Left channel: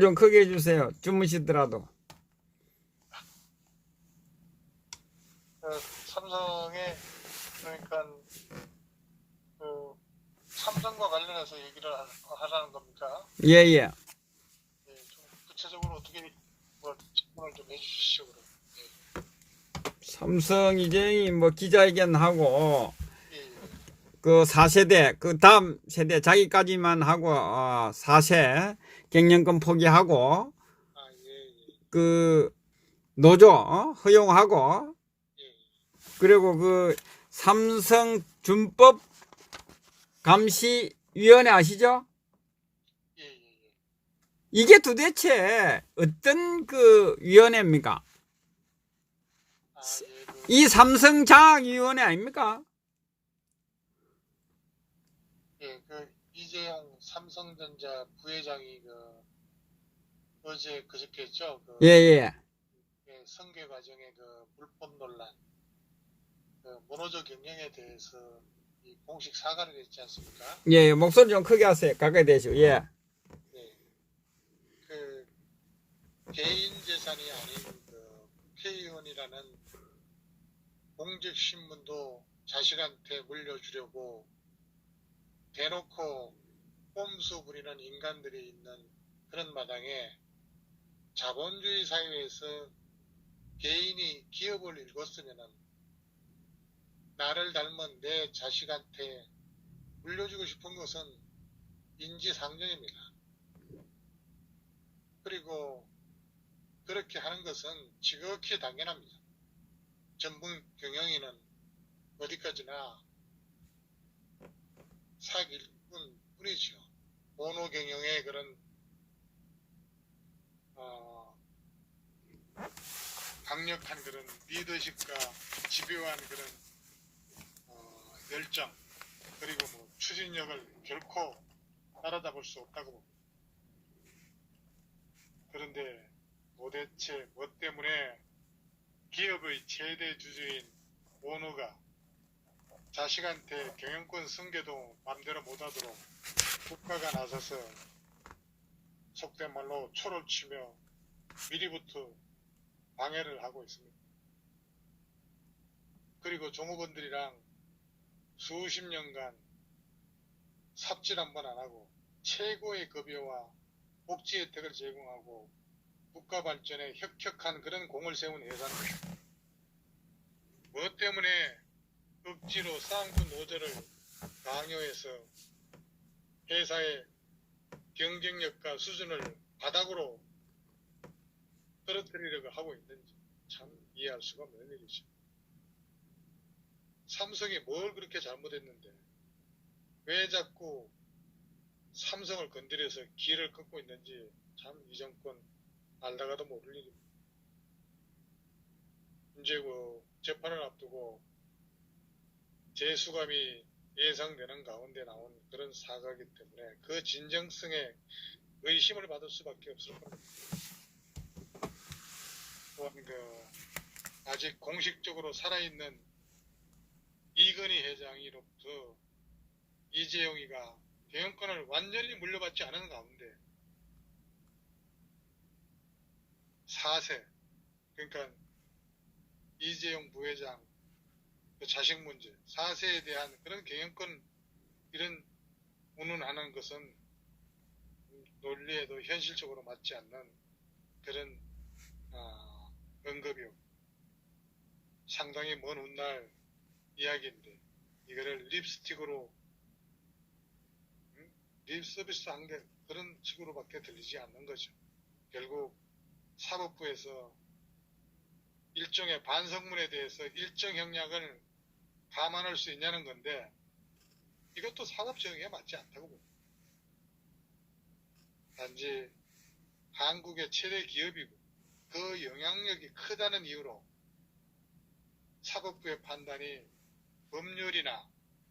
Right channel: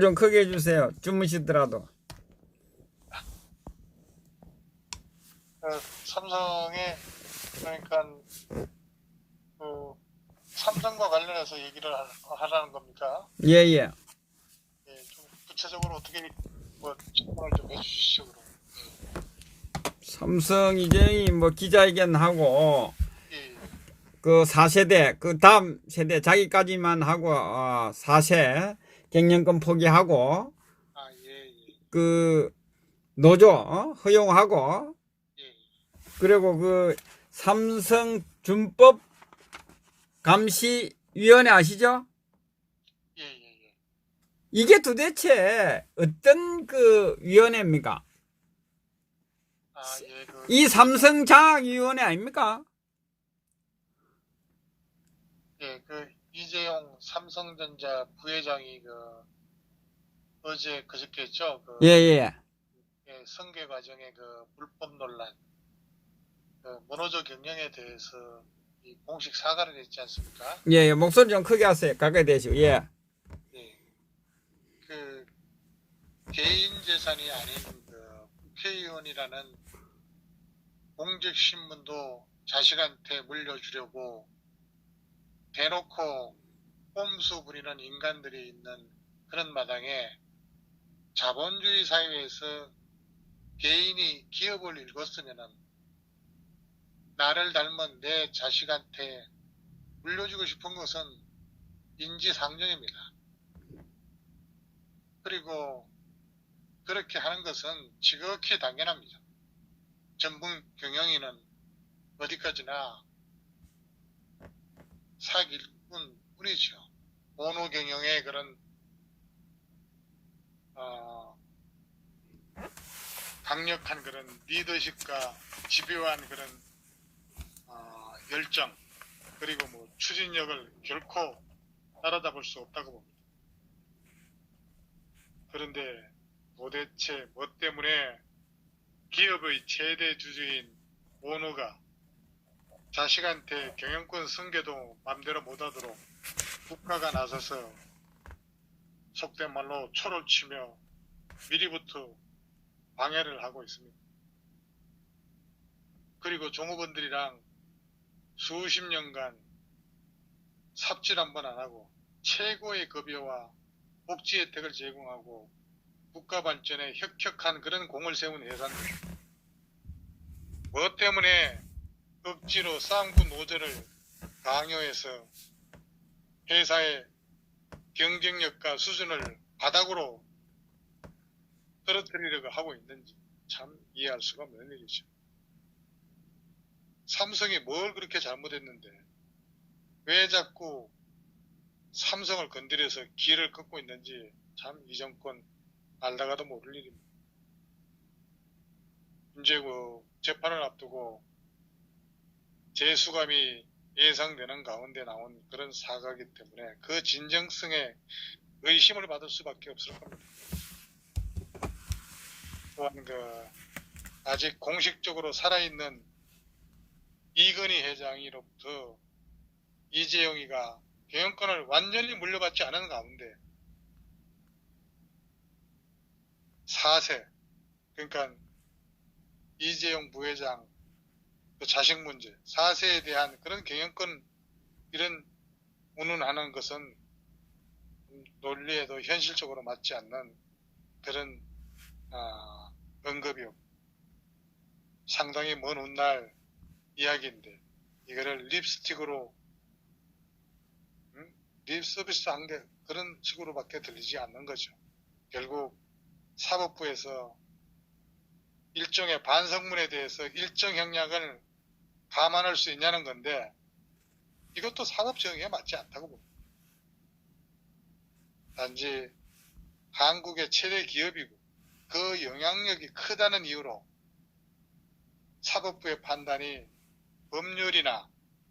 좀 크게 해주세요. 주무시더라도. 삼성의 그러니까 그 삼성과 관련해서 얘기를 하라는 겁니까? 예, 예. 예, 좀 구체적으로 어떻게 뭐 설명을 좀 해주시죠 그럼. 삼성 이제 뭐 기자회견하고 예, 예, 그 4세대 그 다음 세대 자기까지만 하고 4세 경영권 포기하고 예, 예, 그 노조 허용하고 예, 그리고 그 삼성 준법 감시위원회 아시죠? 예, 예, 예. 이게 도대체 어떤 그 위원회입니까? 예, 이 삼성장학위원회 아닙니까? 그 이재용 삼성전자 부회장이 어제 그저께죠. 예, 예. 승계 과정의 그 불법 논란, 그 모노조 경영에 대해서 이 공식 사과를 했지 않습니까? 예, 예. 목소리 좀 크게 하세요. 가까이 대시고. 예. 예, 그 개인 재산이 아닌 그 국회의원이라는 공적 신분도 자식한테 물려주려고 대놓고 꼼수 부리는 인간들이 있는 그런 마당에 자본주의 사회에서 개인이 기업을 일궜으면은 나를 닮은 내 자식한테 물려주고 싶은 것은 인지상정입니다. 그리고 그렇게 하는 것은 지극히 당연합니다. 전문 경영인은 어디까지나 사기꾼 뿐이죠. 모노 경영의 그런 강력한 그런 리더십과 집요한 그런 열정 그리고 뭐 추진력을 결코 따라잡을 수 없다고 봅니다. 그런데 도대체 뭐 때문에 기업의 최대 주주인 오너가 자식한테 경영권 승계도 맘대로 못하도록 국가가 나서서 속된 말로 초를 치며 미리부터 방해를 하고 있습니다. 그리고 종업원들이랑 수십 년간 삽질 한 번 안 하고 최고의 급여와 복지 혜택을 제공하고 국가 발전에 혁혁한 그런 공을 세운 회사입니다. 뭐 때문에 억지로 쌍구 노조를 강요해서 회사의 경쟁력과 수준을 바닥으로 떨어뜨리려고 하고 있는지 참 이해할 수가 없는 일이죠. 삼성이 뭘 그렇게 잘못했는데 왜 자꾸 삼성을 건드려서 기회를 끊고 있는지 참 이 정권 알다가도 모를 일입니다. 이제 그 재판을 앞두고 재수감이 예상되는 가운데 나온 그런 사과이기 때문에 그 진정성에 의심을 받을 수밖에 없을 겁니다. 또한 아직 공식적으로 살아있는 이건희 회장으로부터 이재용이가 경영권을 완전히 물려받지 않은 가운데 4세 그러니까 이재용 부회장 그 자식 문제 4세에 대한 그런 경영권 이런 운운하는 것은 논리에도 현실적으로 맞지 않는 그런 언급이요. 상당히 먼 훗날 이야기인데 이거를 립스틱으로 립 서비스 한 게 그런 식으로밖에 들리지 않는 거죠. 결국 사법부에서 일종의 반성문에 대해서 일정 형량을 감안할 수 있냐는 건데 이것도 사법 정의에 맞지 않다고 봅니다. 단지 한국의 최대 기업이고 그 영향력이 크다는 이유로 사법부의 판단이 법률이나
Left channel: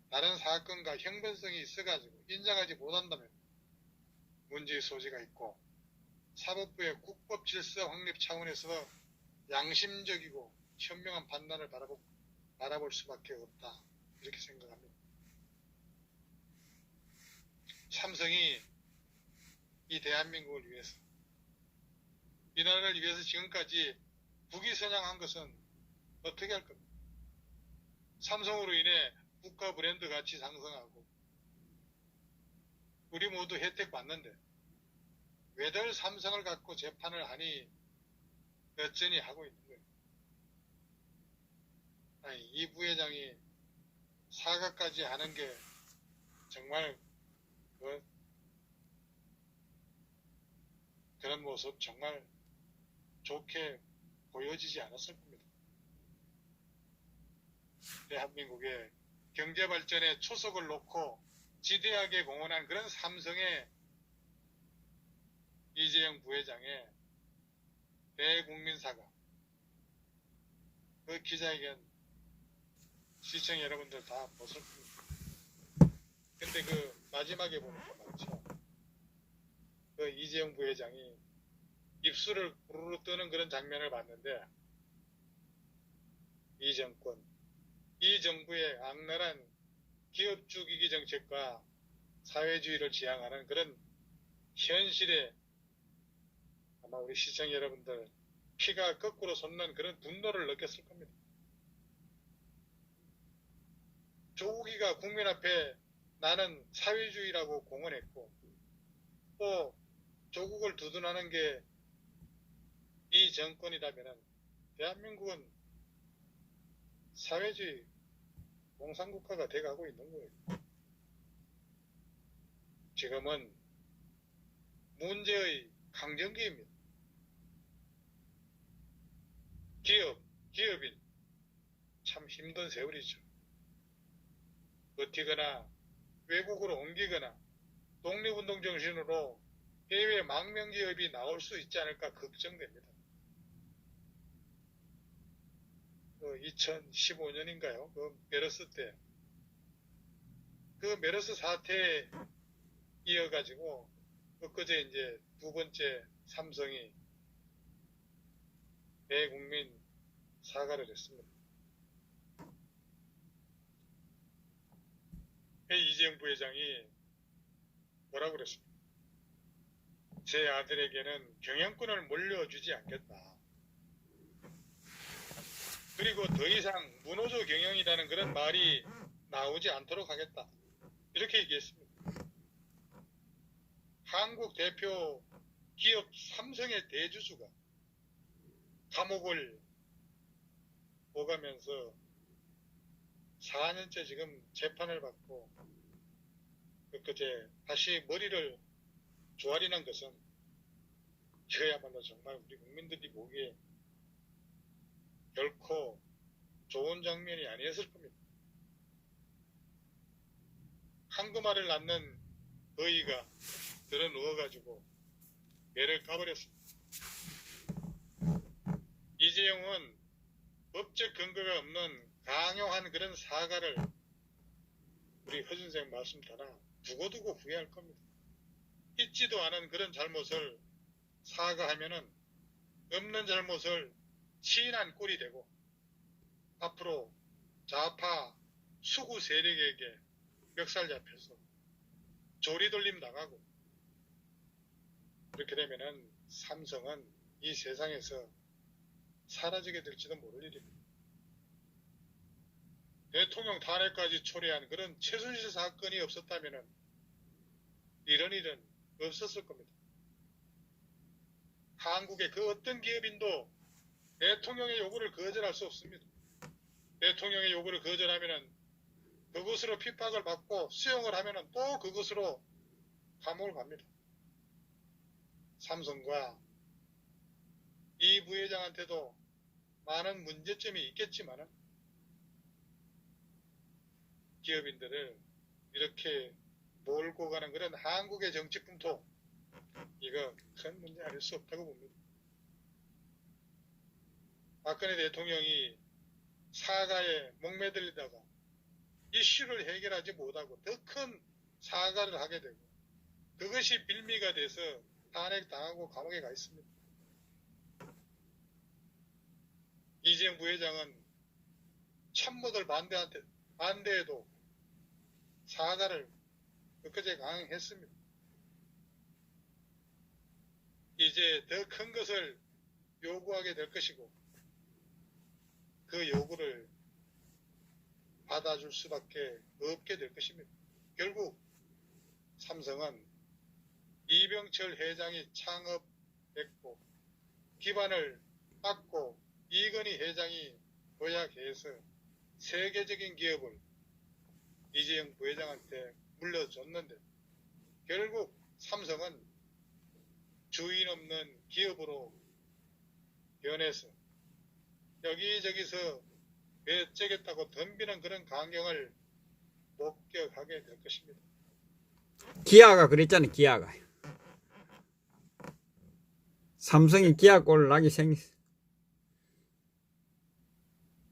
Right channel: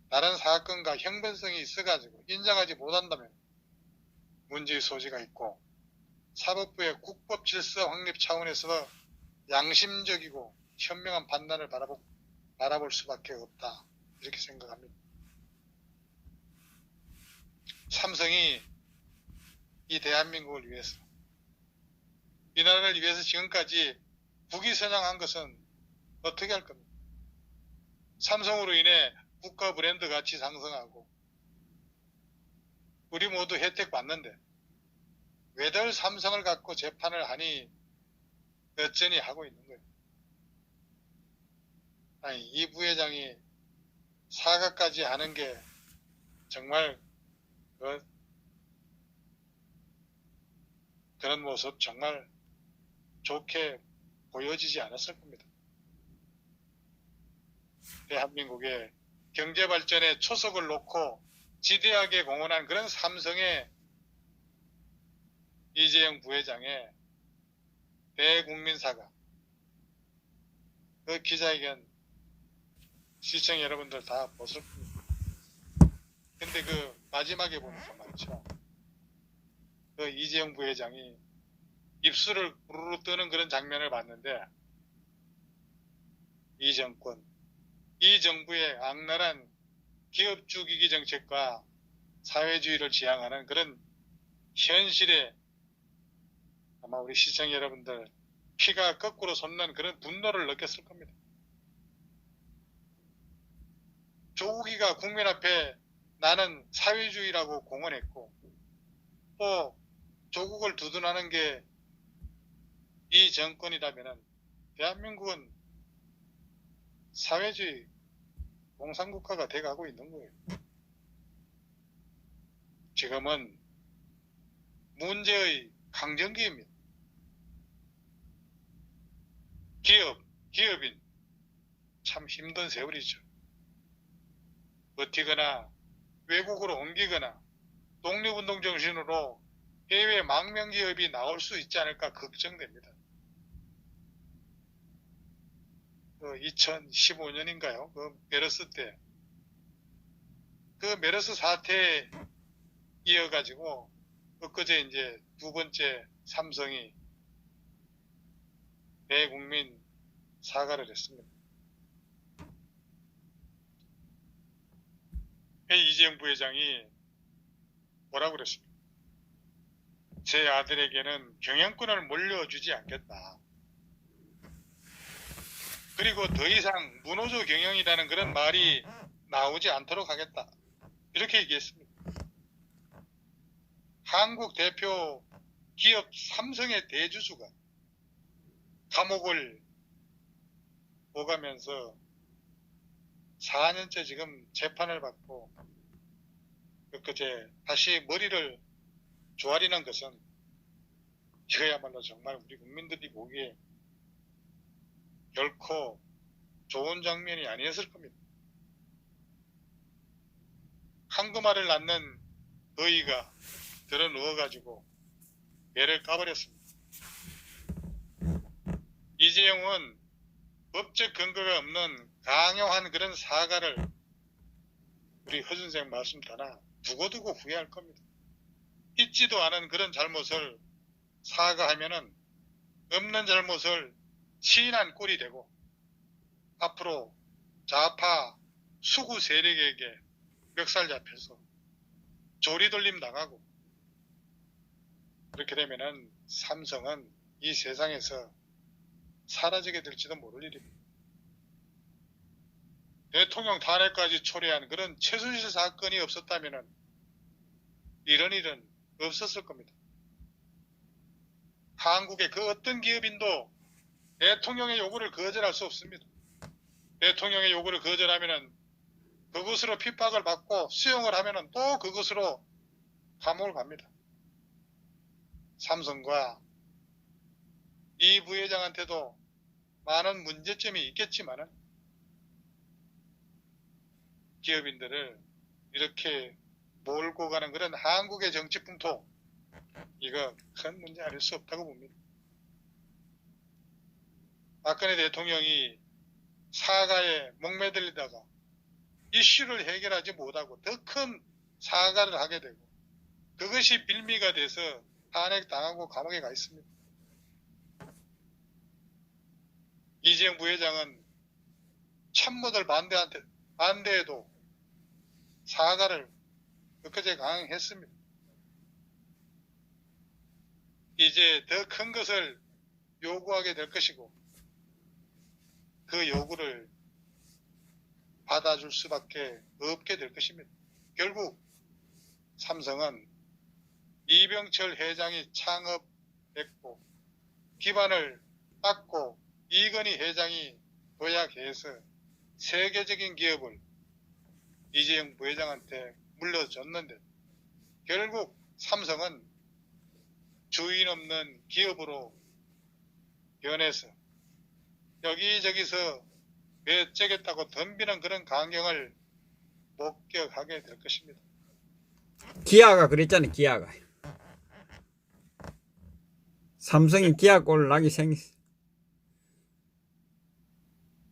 다른 사건과 형변성이 있어가지고 인정하지 못한다면 문제의 소지가 있고 사법부의 국법 질서 확립 차원에서 양심적이고 현명한 판단을 바라볼 수밖에 없다 이렇게 생각합니다. 삼성이 이 대한민국을 위해서 이 나라를 위해서 지금까지 국위선양한 것은 어떻게 할 겁니까? 삼성으로 인해 국가 브랜드 가치 상승하고 우리 모두 혜택 받는데 왜들 삼성을 갖고 재판을 하니 여전히 하고 있는 거예요. 아니, 이 부회장이 사과까지 하는 게 정말 그런 모습 정말 좋게 보여지지 않았을 겁니다. 대한민국의 경제발전에 초석을 놓고 지대하게 공헌한 그런 삼성의 이재용 부회장의 대국민 사과, 그 기자회견 시청 여러분들 다 보실 겁니다. 근데 그 마지막에 보니까 말이죠, 그 이재용 부회장이 입술을 부르르 뜨는 그런 장면을 봤는데, 이 정권, 이 정부의 악랄한 기업 죽이기 정책과 사회주의를 지향하는 그런 현실에 아마 우리 시청 여러분들 피가 거꾸로 솟는 그런 분노를 느꼈을 겁니다. 조국이가 국민 앞에 나는 사회주의라고 공언했고, 또 조국을 두둔하는 게 이 정권이라면 대한민국은 사회주의 공산국가가 돼가고 있는 거예요. 지금은 문제의 강정기입니다. 기업인 참 힘든 세월이죠. 버티거나 외국으로 옮기거나 독립운동 정신으로 해외 망명기업이 나올 수 있지 않을까 걱정됩니다. 2015년인가요? 그 메르스 때, 그 메르스 사태에 이어가지고 엊그제 이제 두 번째 삼성이 대국민 사과를 했습니다. 이재용 부회장이 뭐라고 그랬습니까? 제 아들에게는 경영권을 물려주지 않겠다. 그리고 더 이상 문호조 경영이라는 그런 말이 나오지 않도록 하겠다. 이렇게 얘기했습니다. 한국 대표 기업 삼성의 대주주가 감옥을 오가면서 4년째 지금 재판을 받고 그제 다시 머리를 조아리는 것은 이거야말로 정말 우리 국민들이 보기에 결코 좋은 장면이 아니었을 겁니다. 황금알을 낳는 어이가 들어 누워가지고 배를 까버렸습니다. 이재용은 법적 근거가 없는 강요한 그런 사과를 우리 허 선생 말씀 따라 두고두고 후회할 겁니다. 있지도 않은 그런 잘못을 사과하면은 없는 잘못을 시인한 꼴이 되고 앞으로 좌파 수구 세력에게 멱살 잡혀서 조리돌림 당하고 그렇게 되면은 삼성은 이 세상에서 사라지게 될지도 모를 일입니다. 대통령 탄핵까지 초래한 그런 최순실 사건이 없었다면은 이런 일은 없었을 겁니다. 한국의 그 어떤 기업인도 대통령의 요구를 거절할 수 없습니다. 대통령의 요구를 거절하면은 그것으로 핍박을 받고 수용을 하면은 또 그것으로 감옥을 갑니다. 삼성과 이 부회장한테도 많은 문제점이 있겠지만은 기업인들을 이렇게 몰고 가는 그런 한국의 정치 풍토, 이거 큰 문제 아닐 수 없다고 봅니다. 박근혜 대통령이 사과에 목매들리다가 이슈를 해결하지 못하고 더 큰 사과를 하게 되고 그것이 빌미가 돼서 탄핵당하고 감옥에 가 있습니다. 이재용 부회장은 참모들 반대에도 사과를 엊그제 강행했습니다. 이제 더 큰 것을 요구하게 될 것이고 그 요구를 받아줄 수밖에 없게 될 것입니다. 결국 삼성은 이병철 회장이 창업했고 기반을 닦고 이건희 회장이 도약해서 세계적인 기업을 이재용 부회장한테 물려줬는데 결국 삼성은 주인 없는 기업으로 변해서 여기저기서 매째겠다고 덤비는 그런 광경을 목격하게 될 것입니다. 기아가 그랬잖아요. 기아가. 삼성이 기아 꼴을 나게 생겼어.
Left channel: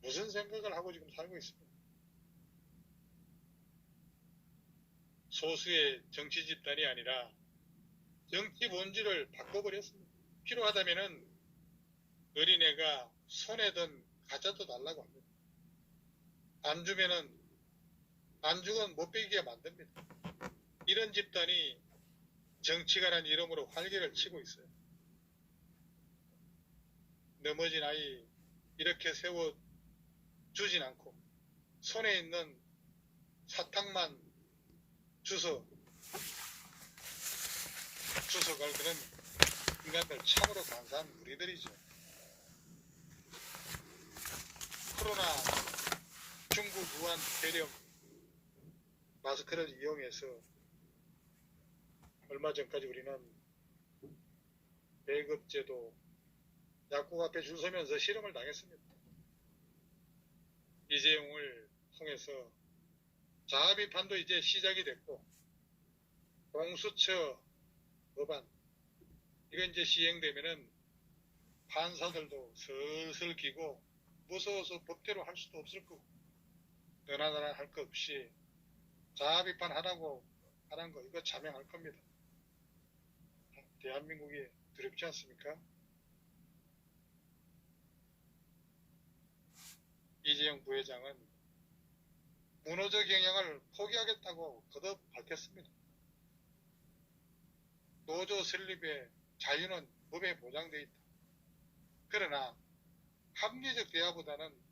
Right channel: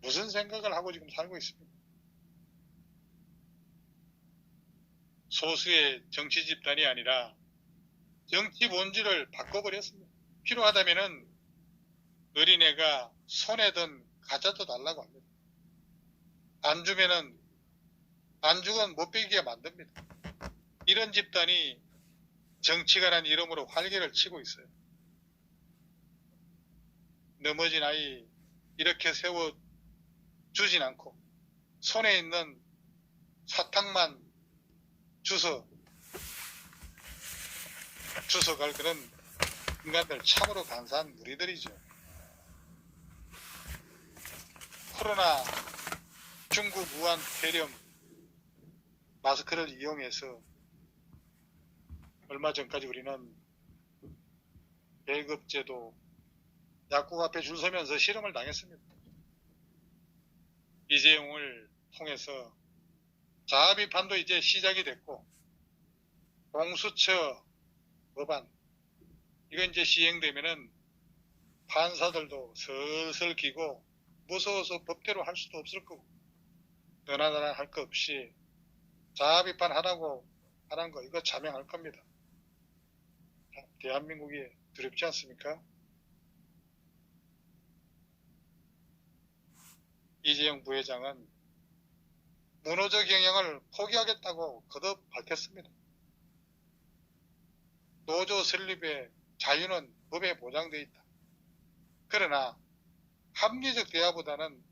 무슨 생각을 하고 지금 살고 있습니까? 소수의 정치 집단이 아니라 정치 본질을 바꿔버렸습니다. 필요하다면은 어린애가 손에 든 과자도 달라고 합니다. 안 주면은 안주건 못 베기게 만듭니다. 이런 집단이 정치가라는 이름으로 활개를 치고 있어요. 넘어진 아이 이렇게 세워 주진 않고 손에 있는 사탕만 주워갈 그런 인간들 참으로 간사한 무리들이죠. 코로나 중국 우한 폐렴 마스크를 이용해서 얼마 전까지 우리는 배급제도 약국 앞에 줄 서면서 실험을 당했습니다. 이재용을 통해서 자아 비판도 이제 시작이 됐고 공수처 법안 이거 이제 시행되면은 판사들도 슬슬 기고 무서워서 법대로 할 수도 없을 거고 너나나나 할 거 없이 자아 비판 하라고 하는 거 이거 자명할 겁니다. 대한민국이 두렵지 않습니까? 이재용 부회장은 문호적 경영을 포기하겠다고 거듭 밝혔습니다. 노조 설립의 자유는 법에 보장되어 있다. 그러나 합리적 대화보다는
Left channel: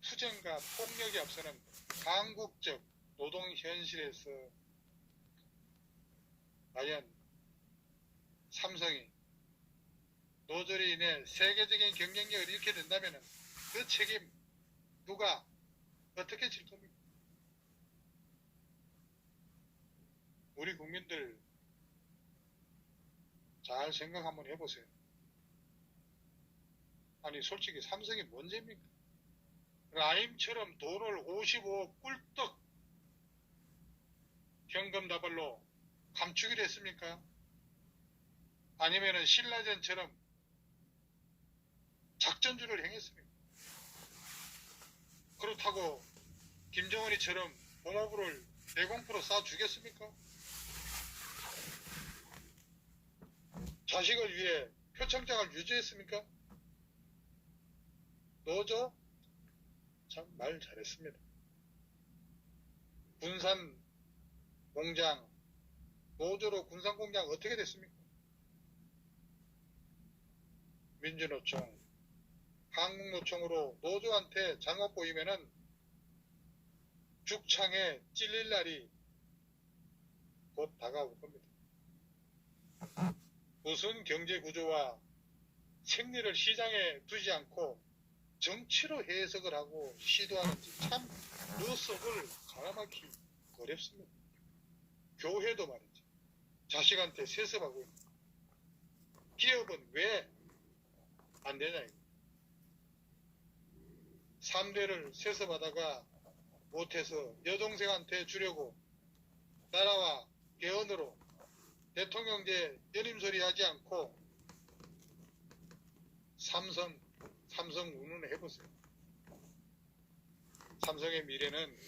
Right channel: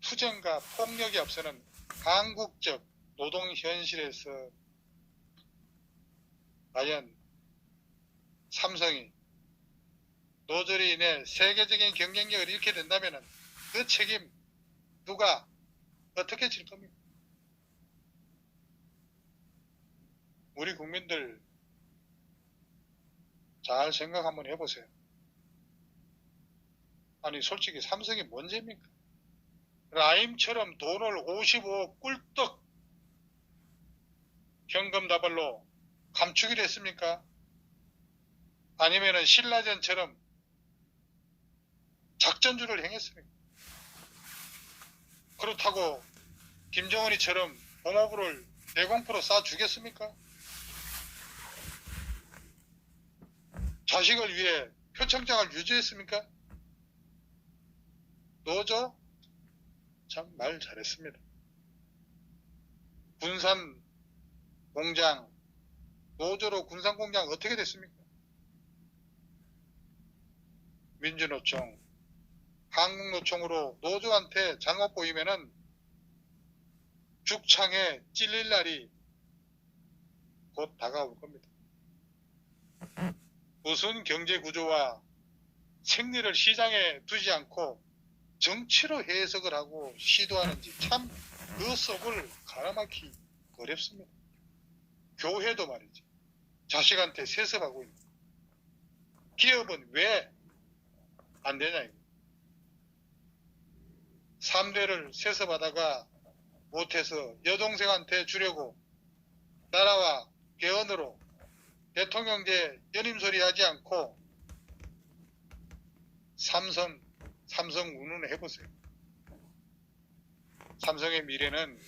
투쟁과 폭력이 앞서는 한국적 노동 현실에서 과연 삼성이 노조로 인해 세계적인 경쟁력을 잃게 된다면 그 책임 누가 어떻게 질 겁니까? 우리 국민들 잘 생각 한번 해보세요. 아니 솔직히 삼성이 뭔 죄입니까? 라임처럼 돈을 55억 꿀떡 현금다발로 감추기로 했습니까? 아니면은 신라전처럼 작전주를 행했습니까? 그렇다고 김정은이처럼 공업을 대공포로 쏴주겠습니까? 자식을 위해 표창장을 유지했습니까? 노조? 참 말 잘했습니다. 군산 공장, 노조로 군산 공장 어떻게 됐습니까? 민주노총, 한국노총으로 노조한테 잘못 보이면은 죽창에 찔릴 날이 곧 다가올 겁니다. 무슨 경제 구조와 생리를 시장에 두지 않고 정치로 해석을 하고 시도하는지 참 그 속을 가라막히 어렵습니다. 교회도 말이죠. 자식한테 세습하고 있는 기업은 왜 안 되냐 이거. 3대를 세습하다가 못해서 여동생한테 주려고 나라와 개헌으로 대통령제 연임소리 하지 않고 삼성 운운을 해보세요. 삼성의 미래는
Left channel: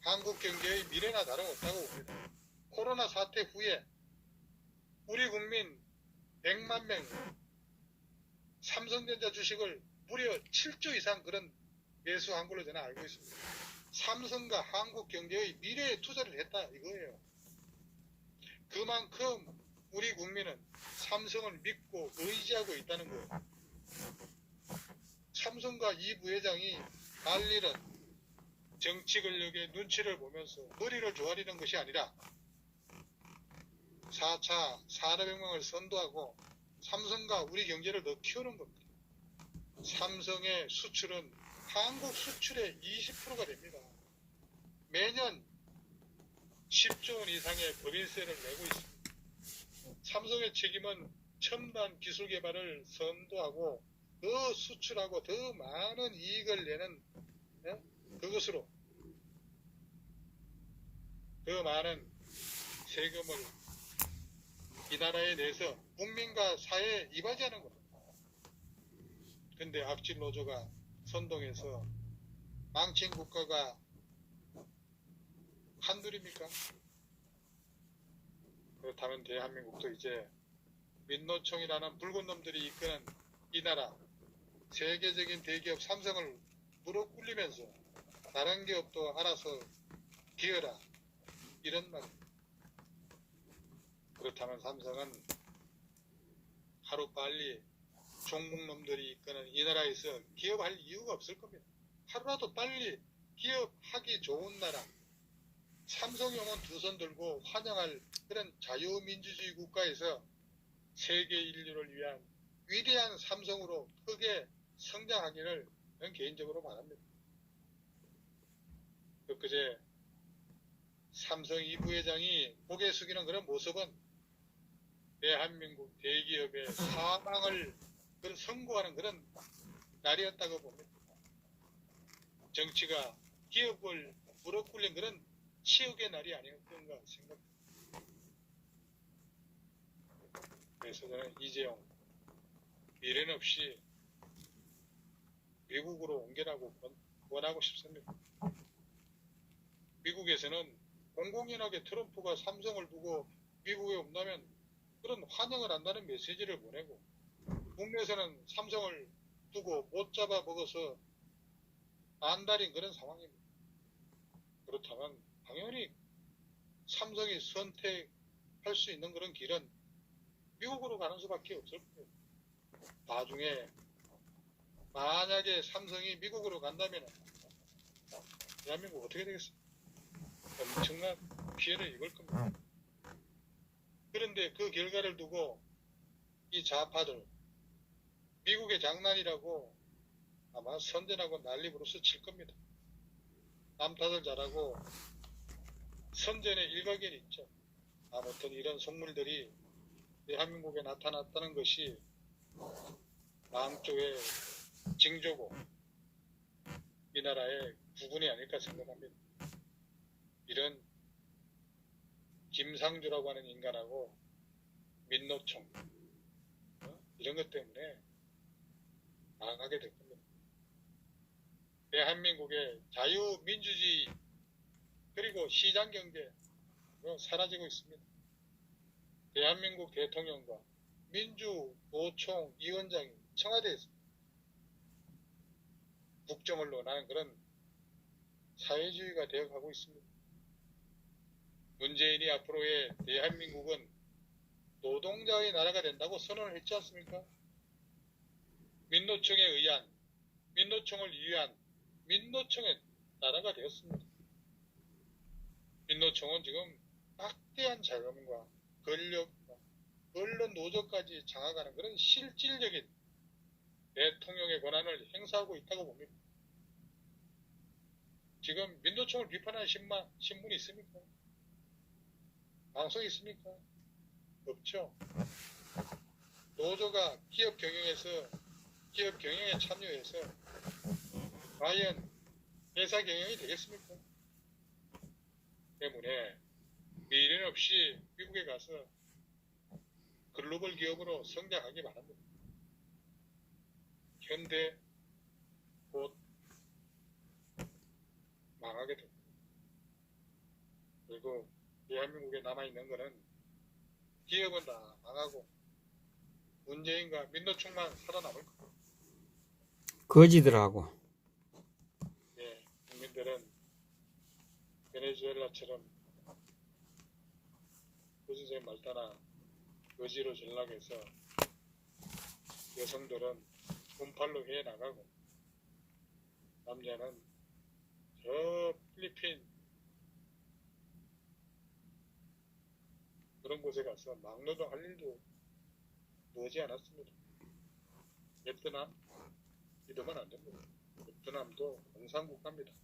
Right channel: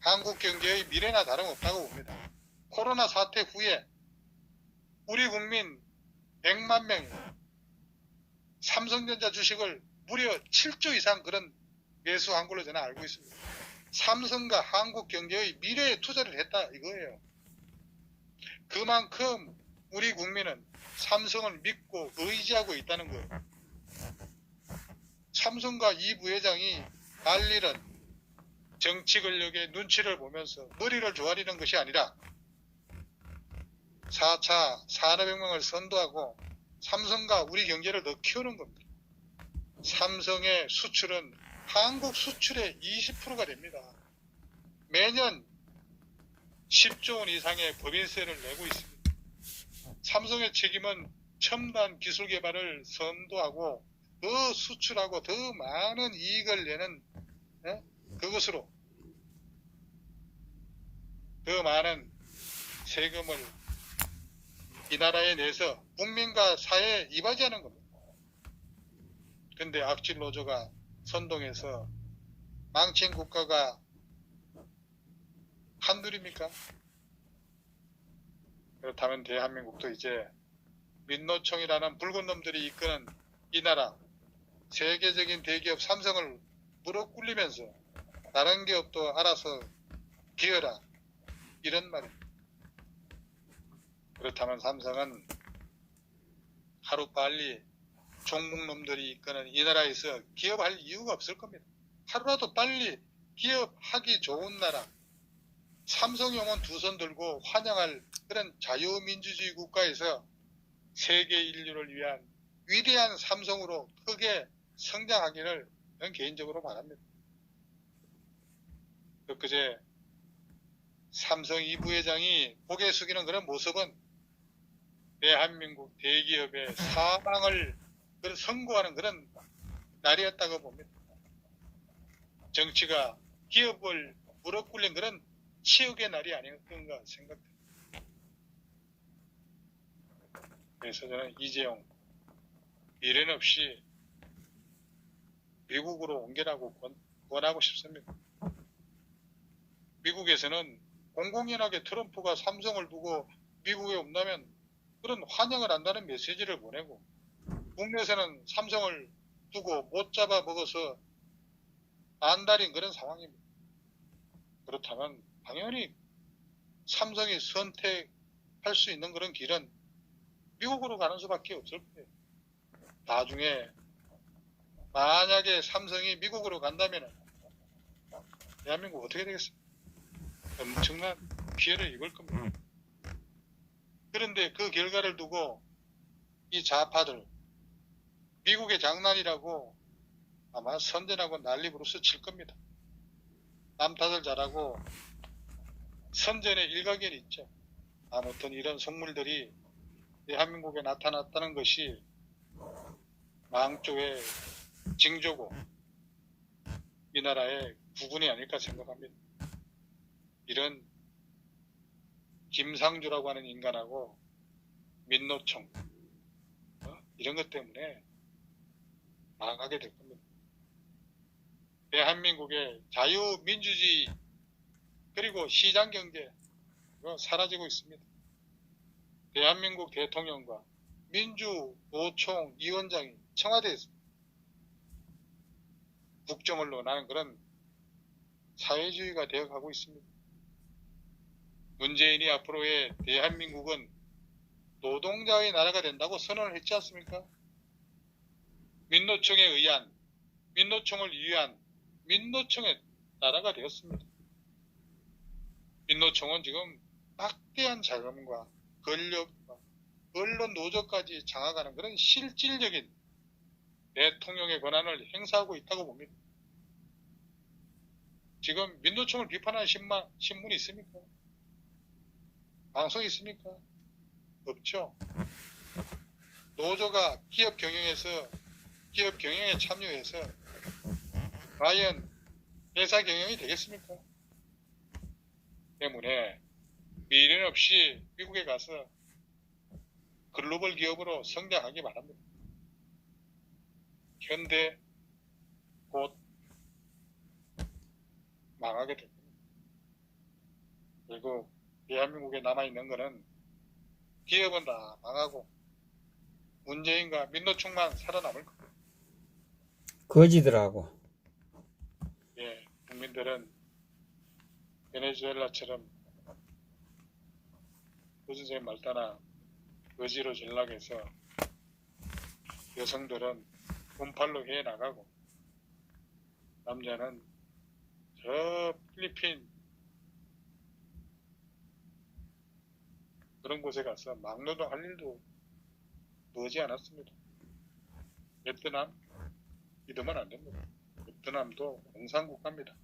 한국 경제의 미래나 다름없다고 봅니다. 코로나 사태 후에 우리 국민 100만 명이 삼성전자 주식을 무려 7조 이상 그런 매수한 걸로 저는 알고 있습니다. 삼성과 한국 경제의 미래에 투자를 했다 이거예요. 그만큼 우리 국민은 삼성을 믿고 의지하고 있다는 거예요. 삼성과 이 부회장이 난리는 정치 권력의 눈치를 보면서 머리를 조아리는 것이 아니라 4차 산업혁명을 선도하고 삼성과 우리 경제를 더 키우는 겁니다. 삼성의 수출은 한국 수출의 20%가 됩니다. 매년 10조 원 이상의 법인세를 내고 있습니다. 삼성의 책임은 첨단 기술 개발을 선도하고 더 수출하고 더 많은 이익을 내는 그것으로 더 많은 세금을 이 나라에 내서 국민과 사회에 이바지하는 겁니다. 근데 악질 노조가 선동해서 망친 국가가 한둘입니까? 그렇다면 대한민국도 이제 민노총이라는 붉은 놈들이 이끄는 이 나라 세계적인 대기업 삼성을 무릎 꿇리면서 다른 기업도 알아서 기어라 이런 말입니다. 그렇다면 삼성은 하루빨리 종북놈들이 이끄는 이 나라에서 기업할 이유가 없을 겁니다. 하루라도 빨리 기업하기 좋은 나라 삼성용은 두 손 들고 환영할 그런 자유민주주의 국가에서 세계 인류를 위한 위대한 삼성으로 크게 성장하기를 저는 개인적으로 바랍니다. 그제 삼성 이 부회장이 고개 숙이는 그런 모습은 대한민국 대기업의 사망을 선고하는 그런 날이었다고 봅니다. 정치가 기업을 무릎 꿇린 그런 치욕의 날이 아니었던가 생각됩니다. 그래서 저는 이재용 미련 없이 미국으로 옮겨라고 권하고 싶습니다. 미국에서는 공공연하게 트럼프가 삼성을 두고 미국에 온다면 그런 환영을 한다는 메시지를 보내고 국내에서는 삼성을 두고 못 잡아 먹어서 안달인 그런 상황입니다. 그렇다면 당연히 삼성이 선택할 수 있는 그런 길은 미국으로 가는 수밖에 없을 거예요. 나중에 만약에 삼성이 미국으로 간다면 대한민국 어떻게 되겠습니까? 엄청난 피해를 입을 겁니다. 그런데 그 결과를 두고 이 좌파들 미국의 장난이라고 아마 선전하고 난리 부르스 칠 겁니다. 남 탓을 잘하고 선전에 일가견이 있죠. 아무튼 이런 속물들이 대한민국에 나타났다는 것이 망조의 징조고 이 나라의 구군이 아닐까 생각합니다. 이런 김상조라고 하는 인간하고 민노총 이런 것 때문에 망하게 될 겁니다. 대한민국의 자유민주주의 그리고 시장경제 사라지고 있습니다. 대한민국 대통령과 민주노총위원장이 청와대에서 국정을 논하는 그런 사회주의가 되어가고 있습니다. 문재인이 앞으로의 대한민국은 노동자의 나라가 된다고 선언을 했지 않습니까? 민노총에 의한, 민노총을 위한 민노총의 나라가 되었습니다. 민노총은 지금 막대한 자금과 권력과 언론 노조까지 장악하는 그런 실질적인 대통령의 권한을 행사하고 있다고 봅니다. 지금 민노총을 비판하는 신문이 있습니까? 방송이 있습니까? 없죠. 노조가 기업 경영에 참여해서 과연 회사 경영이 되겠습니까? 때문에 미련 없이 미국에 가서 글로벌 기업으로 성장하기 바랍니다. 현대 곧 망하게 됩니다. 그리고 대한민국에 남아있는 것은 기업은 다 망하고 문재인과 민노총만 살아남을 겁니다. 거지들하고. 예, 국민들은 베네수엘라처럼 거지의 말따나 거지로 전락해서 여성들은 돈팔로 해나가고 남자는 저 필리핀 그런 곳에 가서 막노동 할 일도 머지 않았습니다. 베트남 믿으면 안 됩니다. 베트남도 공산국가입니다.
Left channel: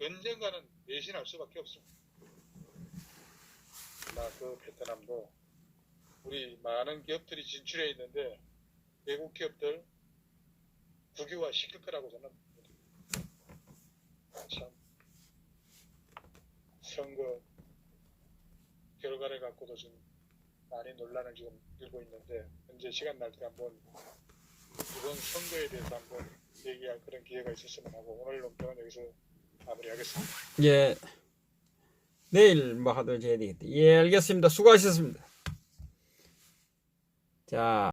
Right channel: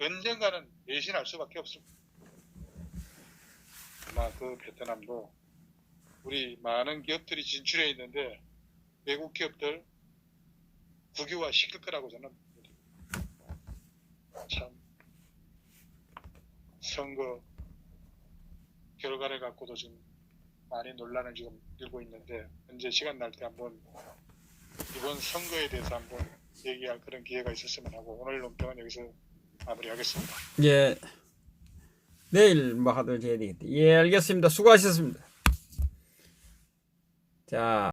언젠가는 배신할 수밖에 없습니다. 아마 그 베트남도 우리 많은 기업들이 진출해 있는데 외국 기업들 국유화 시킬 거라고 저는 봅니다. 참 선거 결과를 갖고도 지금 많이 논란을 지금 일고 있는데 현재 시간 날 때 한번 이번 선거에 대해서 한번 얘기할 그런 기회가 있었으면 하고 오늘 논평은 여기서 마무리하겠습니다. 예. 내일 뭐 하도록 해야 되겠다. 예, 알겠습니다. 수고하셨습니다. 자.